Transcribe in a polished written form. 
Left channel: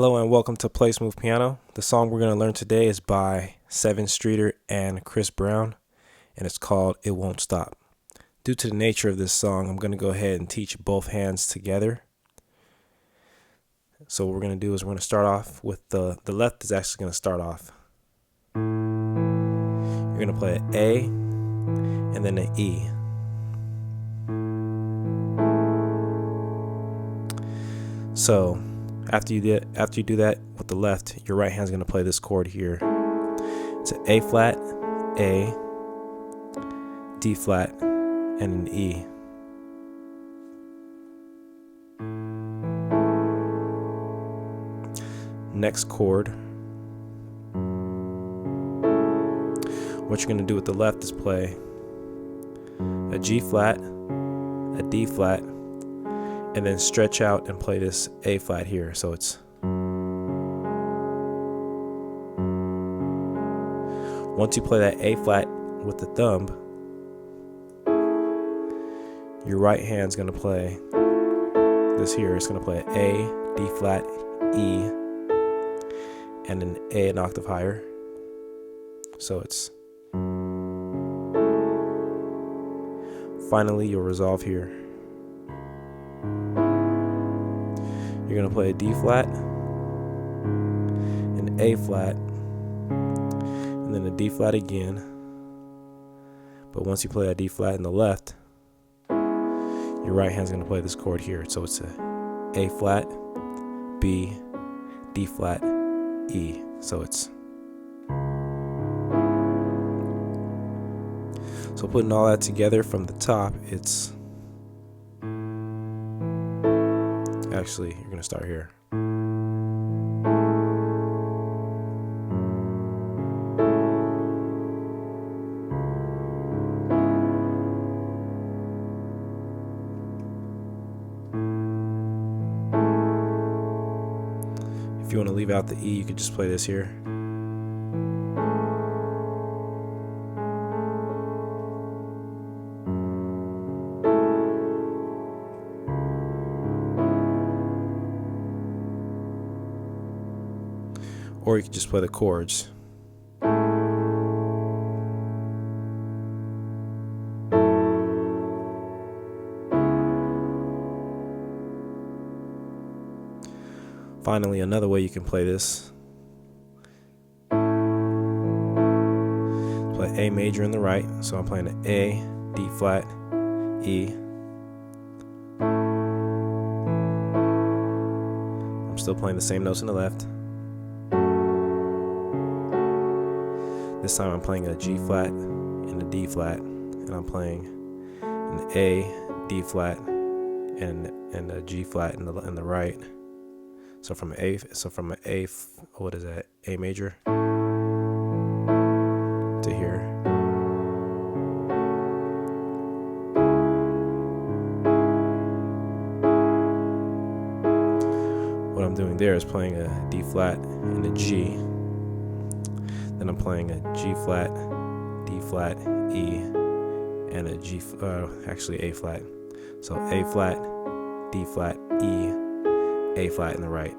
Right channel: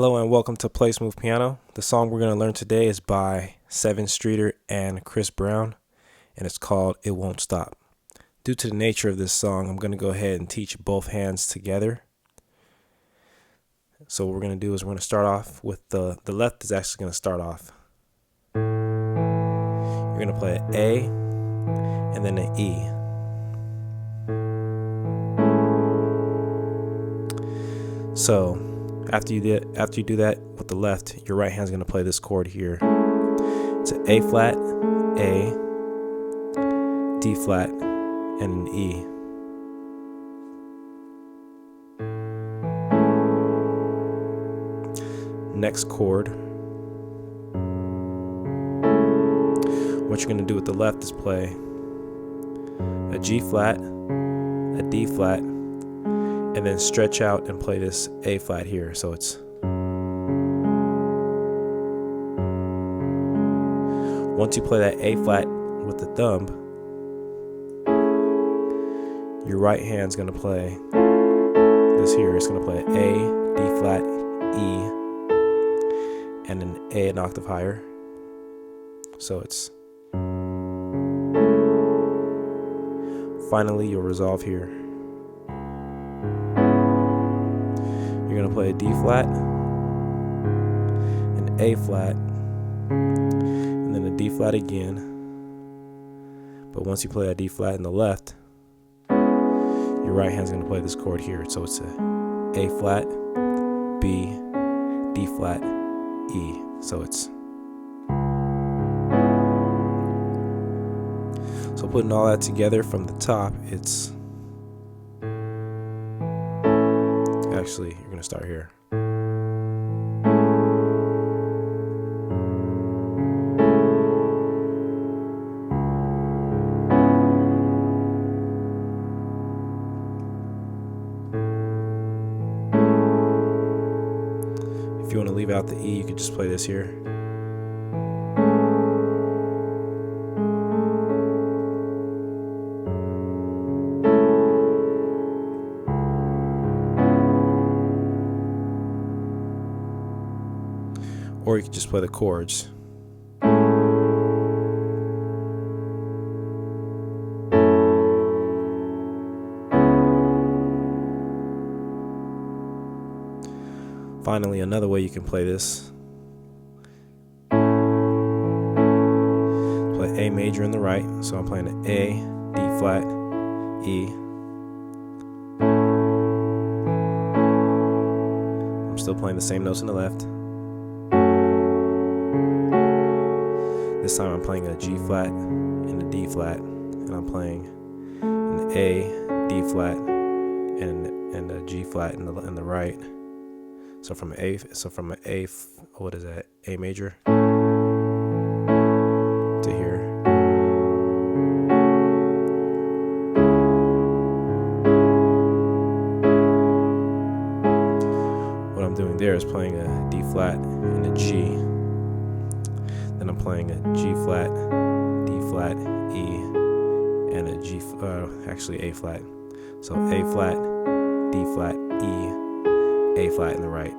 Hello and welcome to Play Smooth Piano. The song we're going to learn today is by Sevyn and Chris Brown, and it's called It Won't Stop. Due to the nature of this song, I'm going to go ahead and teach both hands together. So what we're going to do is we're going to start off with the left is actually going to start off. You're going to play an A and then an E. So after you do that with the left, your right hand's going to play this chord here. It's an A flat, A, D flat, and an E. Next chord, what you're going to do with the left is play a G flat, a D flat, and then stretch out and play this A flat here. So it's once you play that A flat with the thumb, your right hand's going to play this here. It's going to play A, D flat, E, and an A an octave higher. So it's finally you'll resolve here. You're going to play a D flat, an A flat, and then a D flat again. But once you play a D flat in the left, your right hand's going to play this chord here. So it's a flat, B, D flat, E. So putting all that together from the top, it's actually, you're going to start here. If you want to leave out the E, you could just play this here. Or you could just play the chords. Finally, another way you can play this. Play A major in the right. So I'm playing an A, D flat, E. I'm still playing the same notes in the left. This time I'm playing a G flat and a D flat, and I'm playing an A, D flat, and a G flat in the right. So from an A, what is that? A major to here. What I'm doing there is playing a D flat and a G. Then I'm playing a G flat, D flat, E, and a actually A flat. So A flat, D flat, E, A flat in the right.